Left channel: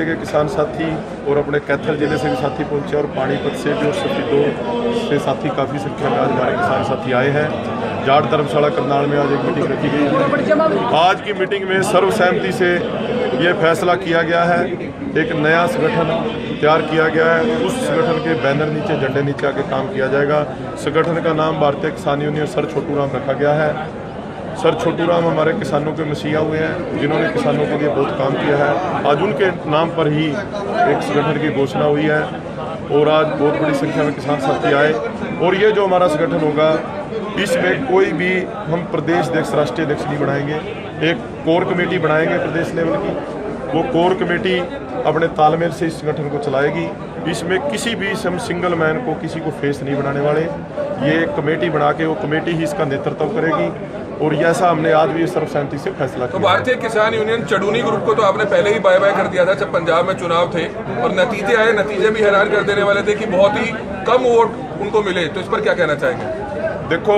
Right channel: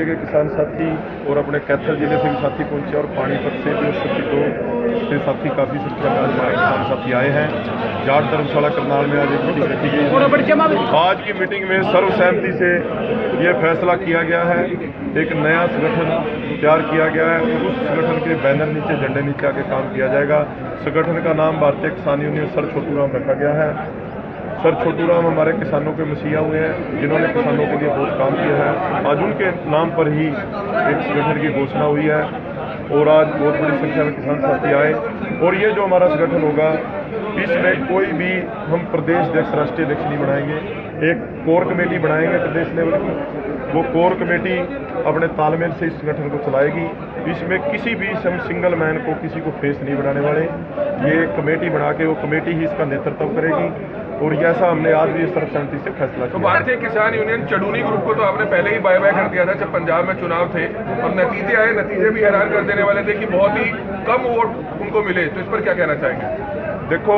जिले के किसान साथी और अपने कैथल जिले से भी साथी पहुंचे और पानीपत से भी और सफीदो से साथी काफ़ी संख्या में आज हमारे किसान साथी आए हैं। जाट धर्मशाला करनाल में आज मीटिंग रखी गई। आज की मीटिंग में सर्वसहमति से ये फैसला किया गया है, एक नया संगठन तैयार किया गया है। उस संगठन के बैनर नीचे, झंडे नीचे आके काम किया जाएगा। संगठन का नाम भारतीय किसान यूनियन सर छोटू राम रखा गया है। सर छोटू राम हमारे किसानों के मसीहा हुए हैं, जिन्होंने किसानों के लिए बहुत काम किया है। आज उनके नाम पर ही एक संगठन की घोषणा हुई है और आज बहुत बड़ी संख्या में किसान साथी आए। और ये जो हमारा संगठन होगा, इसमें कोई भी हम प्रदेश अध्यक्ष, राष्ट्रीय अध्यक्ष नहीं बनाएंगे। एक कोर कमेटी बनाएंगे प्रदेश लेवल की। वो कोर कमेटी अपने तालमेल से इस संगठन को चलाएगी। इसमें किसी भी हम सिंगल मैन को, किसी को फेस नहीं बनाने वाले। ये कमेटी बना के वो कमेटी ही इसका नेतृत्व करेगी और ऐसा हमने आज भी सर्वसहमति से फैसला किया। तो भारतीय किसान यूनियन चढ़ूनी ग्रुप को तो आपने पहले ही बाय बाय कर दिया था जब पंजाब में चुनाव थे और नतीजे आए, नतीजे भी हैरान कर देने वाले थे कि बहुत ही कम वोट उनको मिले। तो इस पर क्या कहना चाहेंगे? देखो,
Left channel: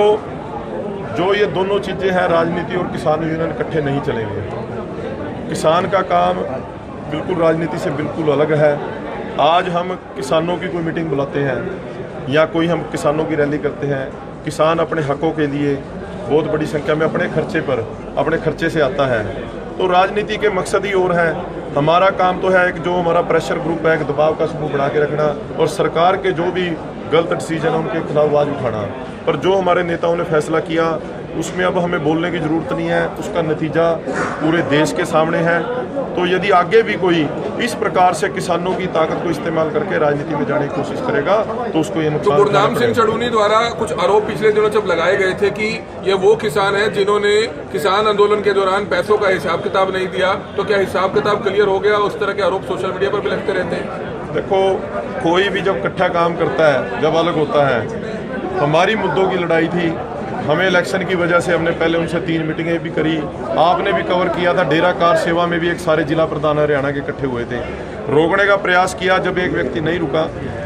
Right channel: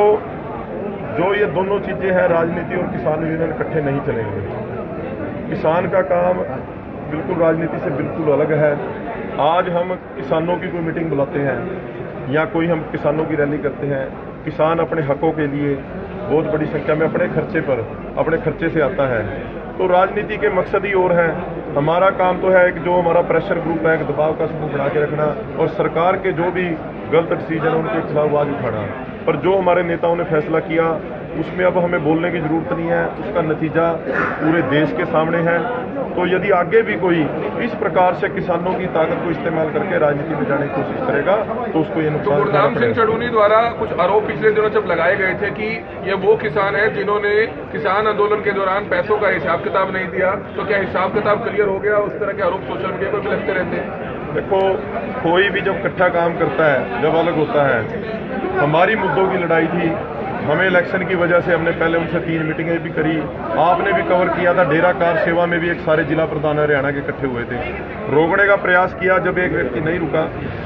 जो ये दोनों चीज़ें हैं, राजनीति और किसान यूनियन इकट्ठे नहीं चलेंगे। किसान का काम बिल्कुल राजनीति से बिल्कुल अलग है। आज हम किसानों की कोई मीटिंग बुलाते हैं या कोई हम किसानों की रैली करते हैं, किसान अपने हकों के लिए बहुत बड़ी संख्या में अपने खर्चे से आता है। तो राजनीति के मकसद ही और है। हमारा काम तो है एक जो हमारा प्रेशर ग्रुप है, एक दबाव का समूह बना के रखना और सरकार के जो भी गलत डिसीजन है उनके खिलाफ आवाज़ उठाना। पर जो हमारे नेताओं ने फैसला किया उसमें अब हमें बोलने की ज़रूरत नहीं है, उसका नतीजा पूरे देश के सामने है। तो यदि आगे भी कोई इस प्रकार से किसानों की ताकत को इस्तेमाल करके राजनीति में जाने की कोशिश करेगा तो उसको ये नुकसान। तो गुरनाम सिंह चढ़ूनी द्वारा कुछ आरोप पिछले दिनों जब लगाए गए थे कि ये वो किसान हैं जिन्होंने किसान आंदोलन के दौरान पैसों का हिसाब किताब नहीं दिया, तो क्या हिसाब किताब क्लियर हो गया? उस तरह के आरोप सोशल मीडिया पर भी लगते रहते हैं। देखो, कोई भी जब इकट्ठा काम करता है, जब अलग होता है। हमारी मुद्दों की लड़ाई थी, हमें इलेक्शन की वजह से हमने पहले उनसे 3 मीटिंगें भी करी। आपने भी कवर किया था, डेरा कार सेवा में भी एक सारे जिला प्रधान हरियाणा के इकट्ठे हुए थे। रोकने का प्रयास किया, जब एक व्यक्ति नहीं रुका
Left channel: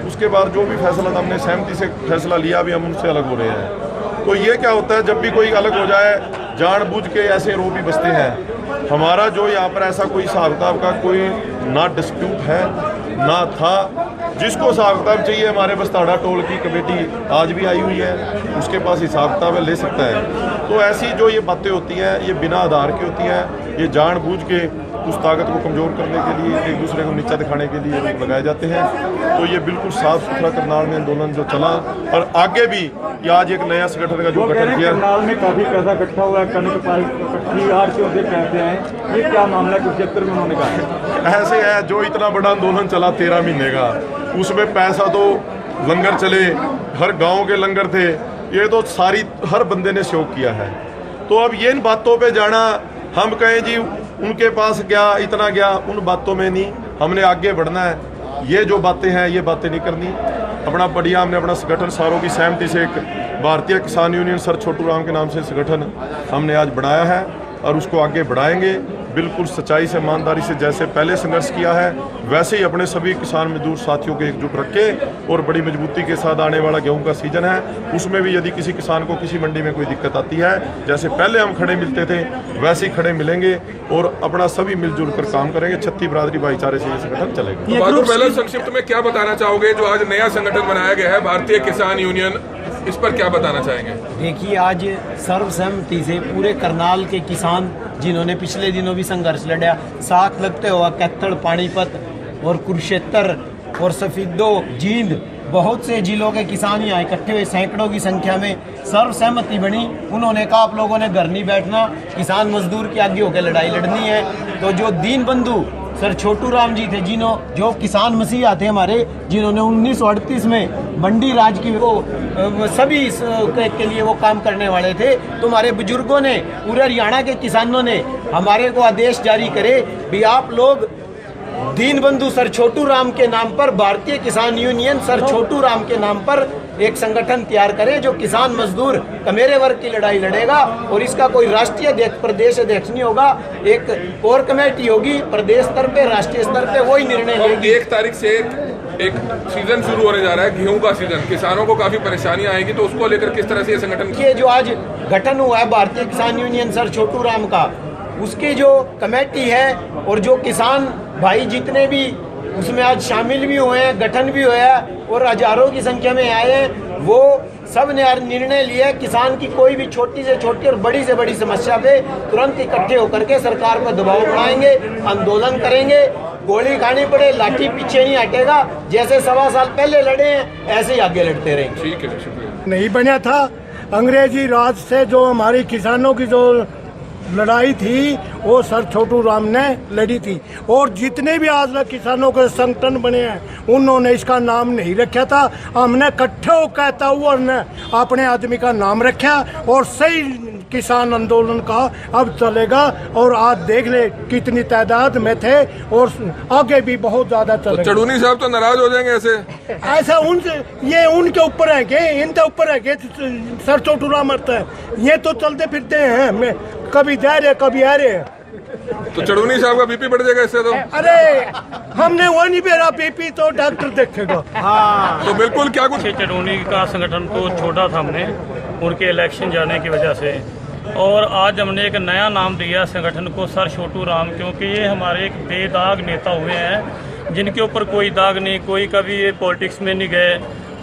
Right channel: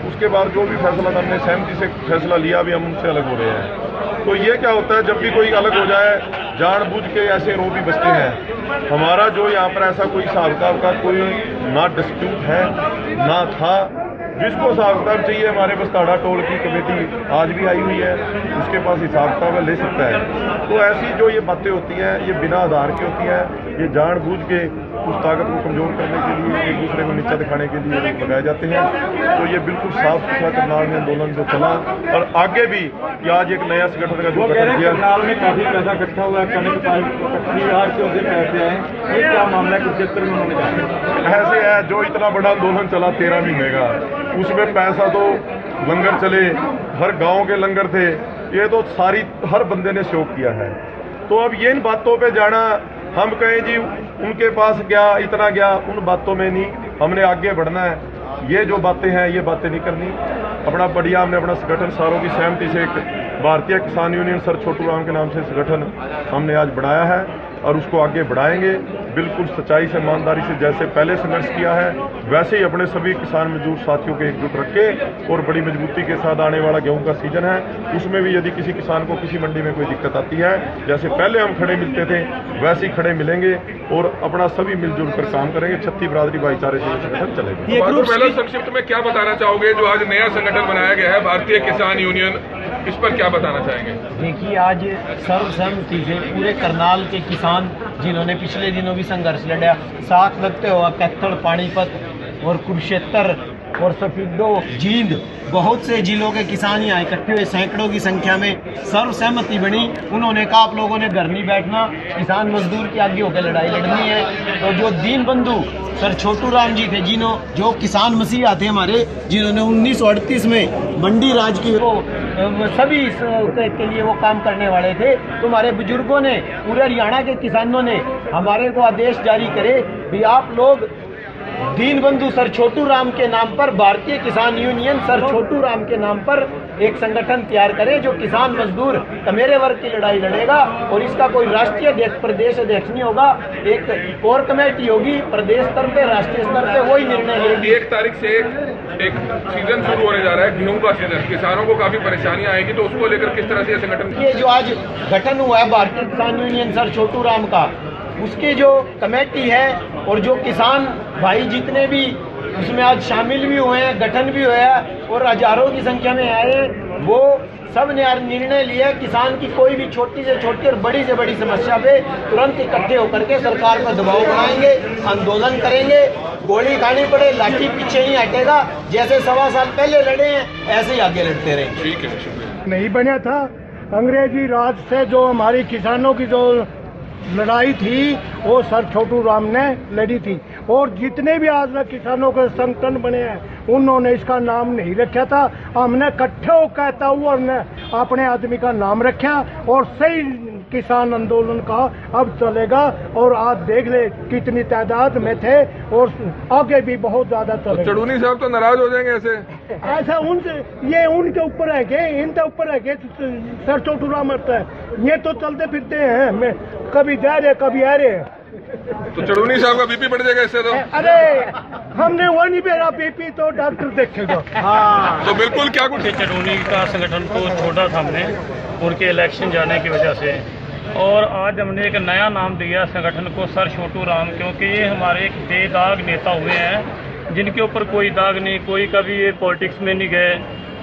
उसके बाद जो भी फैसला था हमने सहमति से फैसला लिया, अभी हम उनसे अलग हो रहे हैं। तो ये क्या होता है, जब भी कोई अलग हो जाए जानबूझ के ऐसे रो भी बसते हैं। हमारा जो यहाँ पर ऐसा कोई हिसाब किताब का कोई ना डिस्प्यूट है ना था। जिसको हिसाब किताब चाहिए, हमारे बस्ताड़ा टोल की कमेटी आज भी आई हुई है, उसके पास हिसाब किताब ले सकता है। तो ऐसी जो ये बातें होती हैं ये बिना आधार की होती हैं। ये जानबूझ के उस ताकत को कमज़ोर करने के लिए, एक दूसरे को नीचा दिखाने के लिए लोग लगाए जाते हैं। तो ये बिल्कुल साफ सुथरा करनाल में आंदोलन जो चला और आगे भी कि आज एक नया संगठन का जो गठन किया। करनाल में काफी पैसा इकट्ठा हुआ, ऐसे है जो इतना बड़ा आंदोलन चला 13 महीने का, उसमें पैसा तो लंगर चले, हर गांव के लंगर थे, ये तो सारी हर बंदे ने शौक किया है। तो अब ये इन बातों पे जाना, हम कहें जी उनके पास गया, इतना गया, उन बातों में नहीं, हमने आगे बढ़ना है। ये जो बातें हैं ये बातें नहीं करनी। अपना बढ़िया हमने अपना संगठन सारों की सहमति से एक भारतीय किसान यूनियन सर छोटू राम के नाम से संगठन हमने आज बनाया है और उसको आगे बढ़ाएंगे बिल्कुल सच्चाई से, ईमानदारी से। जैसे पहले संघर्ष किया है वैसे ही अपने सभी किसान मजदूर साथियों को एकजुट रख के और बड़ी मजबूती के साथ आने वाला गेहूं का सीजन है, उसमें भी यदि किसी किसान को किसी मंडी में कोई दिक्कत आती है, जैसे पहले हम खड़े मिलते थे वैसे ही खड़े मिलेंगे और अपना सभी मिलजुल कर काम करेंगे। छत्ती बिरादरी भाईचारे से ये संगठन चलेगा। तो पहले संक्षिप्त में क्या बताना चाहोगे जो आज नया संगठन बनाया गया है भारतीय किसान यूनियन, इस पर क्या बताना चाहेंगे? देखिए, आज सर्वसहमति से पूरे करनाल के किसान जिन्होंने पिछले दिनों भी संघर्ष लड़ा, साथ लगते हुआ कैथल, पानीपत और कुरुक्षेत्र और सफीदो, जींद, बहुत से जिलों के किसान यहाँ इकट्ठे हुए, सैकड़ों की संख्या में सर्वसहमति बनी। उन्होंने कहा आप लोगों ने घर नहीं बैठना, किसान मजदूर की आगे होकर लड़ाई लड़नी है। तो जो दीन बंधु सर छोटू राम जी थे, जो किसान मसीहा थे हमारे, जिन्होंने 1938 में मंडी राज की वो सभी के लिए वो काम करने वाले थे, तो हमारे बुजुर्गों ने, पूरे हरियाणा के किसानों ने हमारे को आदेश जारी करे भी आप लोग दीन बंधु सर छोटू राम के नाम पर, भारतीय किसान यूनियन सर छोटू राम के नाम पर एक संगठन तैयार करें जो किसान मजदूर कमेरे वर्ग की लड़ाई लड़ेगा। और इसका कोई राष्ट्रीय अध्यक्ष, प्रदेश अध्यक्ष नहीं होगा, एक कोर कमेटी होगी प्रदेश स्तर पे, राष्ट्रीय स्तर पे वही निर्णय लेगी। 1 तारीख से एक सीजन शुरू होने जा रहा है, गेहूं का सीजन, किसानों को काफी परेशानियां आएगी, तो उसको लेकर किस तरह से ये संगठन, ये जो आज गठन हुआ है भारतीय किसान यूनियन सर छोटू राम का, उसकी जो कमेटी है और जो किसान भाई जितने भी उसमें आज शामिल भी हुए हैं, गठन भी हुआ है और हजारों की संख्या में आए हैं, वो सब ने निर्णय लिया किसान की कोई भी छोटी से छोटी और बड़ी से बड़ी समस्या पे तुरंत इकट्ठे होकर के सरकार पर दबाव बनाएंगे, आंदोलन करेंगे, गोली खानी पड़े लाठी पीछे नहीं हटेगा। जैसे 1.25 साल पहले लड़े हैं ऐसे ही आगे लड़ते रहेंगे। ठीक है, शुक्रिया। नहीं बना था। अंग्रेजी राज से जो हमारी किसानों की जो लड़ाई थी वो सर छोटू राम ने लड़ी थी, और जितने भी आज तक किसानों के संगठन बने हैं उन्होंने इसका नाम नहीं रखा था। हमने इकट्ठे हो कहता हुआ हमने अपने आदमी का नाम रखा और सही किसान आंदोलन का अब चलेगा। और आज देख ले कितनी तादाद में थे और आगे भी बहुत ज्यादा तो चलेगा। चढ़ूनी साहब तो नाराज हो जाएंगे ऐसे? ऐसा उनके ये उनके ऊपर है कि इनके ऊपर है कि सर छोटू राम मरता है, ये तो चलते फिरते हैं, मैं कभी जा रहे कभी आ रहे। तो चढ़ूनी साहब का बीपी बढ़ जाएगा इससे तो? अरे हमने वो नहीं मेरा बीपी तो डॉक्टर देखेगा। हाँ, तो बिल्कुल क्या कुछ चढ़ूनी का संगठन को छोड़ा था हमने उनके इलेक्शन जाने की वजह से, और आज हमने एक नया नाम दिया संगठन को सर छोटू राम, क्योंकि ये हमारे एक बेदाग नेता हुए हैं जिनके ऊपर कोई दाग नहीं, कोई कभी ये पॉलिटिक्स में नहीं गए,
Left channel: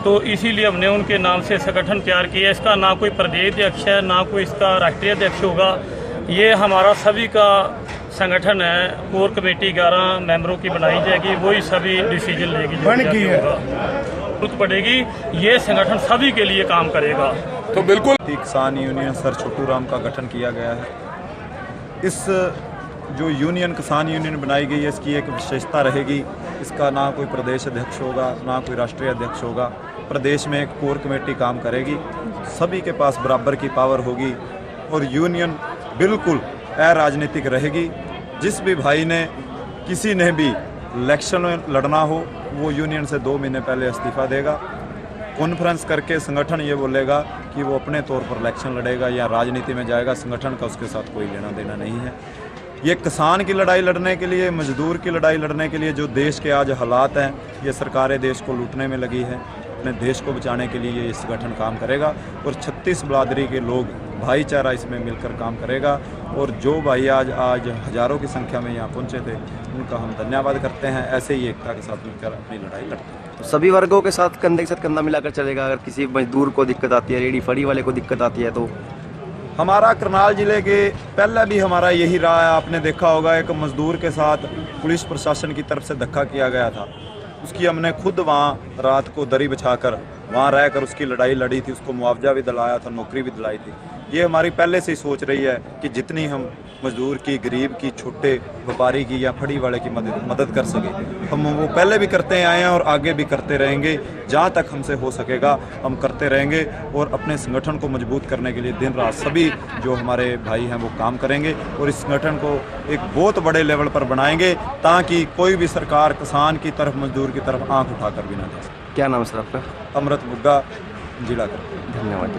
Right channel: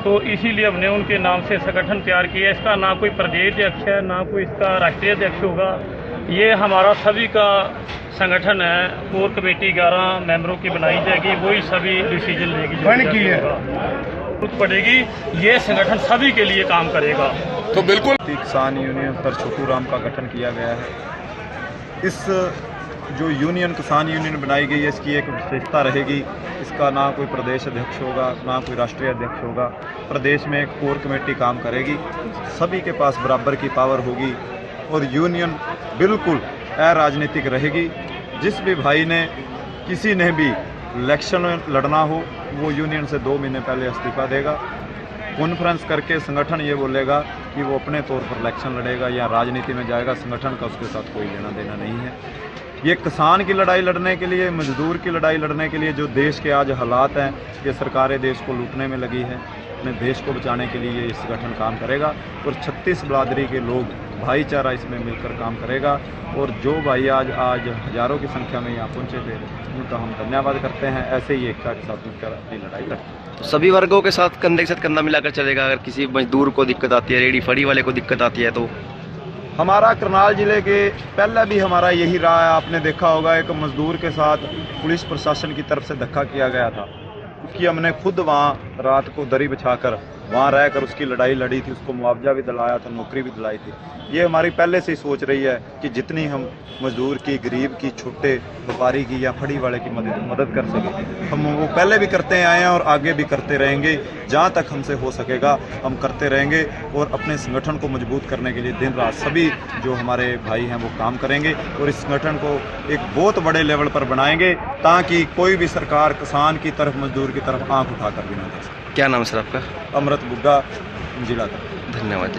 तो इसीलिए हमने उनके नाम से संगठन तैयार किया। इसका ना कोई प्रदेश अध्यक्ष है ना कोई इसका राष्ट्रीय अध्यक्ष होगा, ये हमारा सभी का संगठन है। कोर कमेटी 11 मेंबरों की बनाई जाएगी, वही सभी डिसीजन लेगी, जरूरत पड़ेगी, ये संगठन सभी के लिए काम करेगा। तो बिल्कुल किसान यूनियन सर छोटू राम का गठन किया गया है। इस जो यूनियन किसान यूनियन बनाई गई है इसकी एक विशेषता रहेगी, इसका ना कोई प्रदेश अध्यक्ष होगा ना कोई राष्ट्रीय अध्यक्ष होगा। प्रदेश में एक कोर कमेटी काम करेगी, सभी के पास बराबर की पावर होगी और यूनियन बिल्कुल अराजनीतिक रहेगी। जिस भी भाई ने किसी ने भी इलेक्शन में लड़ना हो वो यूनियन से 2 महीने पहले इस्तीफा देगा, कॉन्फ्रेंस करके संगठन ये बोलेगा कि वो अपने तौर पर इलेक्शन लड़ेगा या राजनीति में जाएगा, संगठन का उसके साथ कोई लेना देना नहीं है। ये किसान की लड़ाई लड़ने के लिए, मजदूर की लड़ाई लड़ने के लिए जो देश के आज हालात हैं, ये सरकारें देश को लूटने में लगी है, अपने देश को बचाने के लिए ये संगठन काम करेगा और 36 बिरादरी के लोग भाईचारा इसमें मिलकर काम करेगा। और जो भाई आज हज़ारों की संख्या में यहाँ पहुँचे थे उनका हम धन्यवाद करते हैं। ऐसे ही एकता के साथ मिलकर अपनी लड़ाई करते हैं। तो सभी वर्गों के साथ कंधे के साथ कंधा मिलाकर चलेगा। अगर किसी मजदूर को दिक्कत आती है, रेडी फड़ी वाले को दिक्कत आती है, तो हमारा करनाल ज़िले के पहले भी हमारा यही रहा है। आपने देखा होगा एक मज़दूर के साथ पुलिस प्रशासन की तरफ से धक्का किया गया था, उसकी हमने खुद वहाँ रात को दरी बिछाकर वहाँ रहकर उसकी लड़ाई लड़ी थी, उसको मुआवजा भी दिलाया था, नौकरी भी दिलाई थी। ये हमारी पहले से सोच रही है कि जितनी हम मजदूर की, गरीब की, छोटे व्यापारी की या फड़ी वाले की मदद कर सके, हम वो पहले भी करते आए हैं और आगे भी करते रहेंगे। जहाँ तक हमसे हो सकेगा हम करते रहेंगे और अपने संगठन को मजबूत करने के लिए दिन रात सभी जो हमारे भाई हैं वो काम करेंगे और इस संगठन को एक बहुत बड़े लेवल पर बनाएंगे ताकि कोई भी सरकार किसान की तरफ, मजदूर की तरफ आँख उठाकर भी ना दे सके। क्या नाम है सर आपका? अमृत बुग्गा, जिला। धन्यवाद।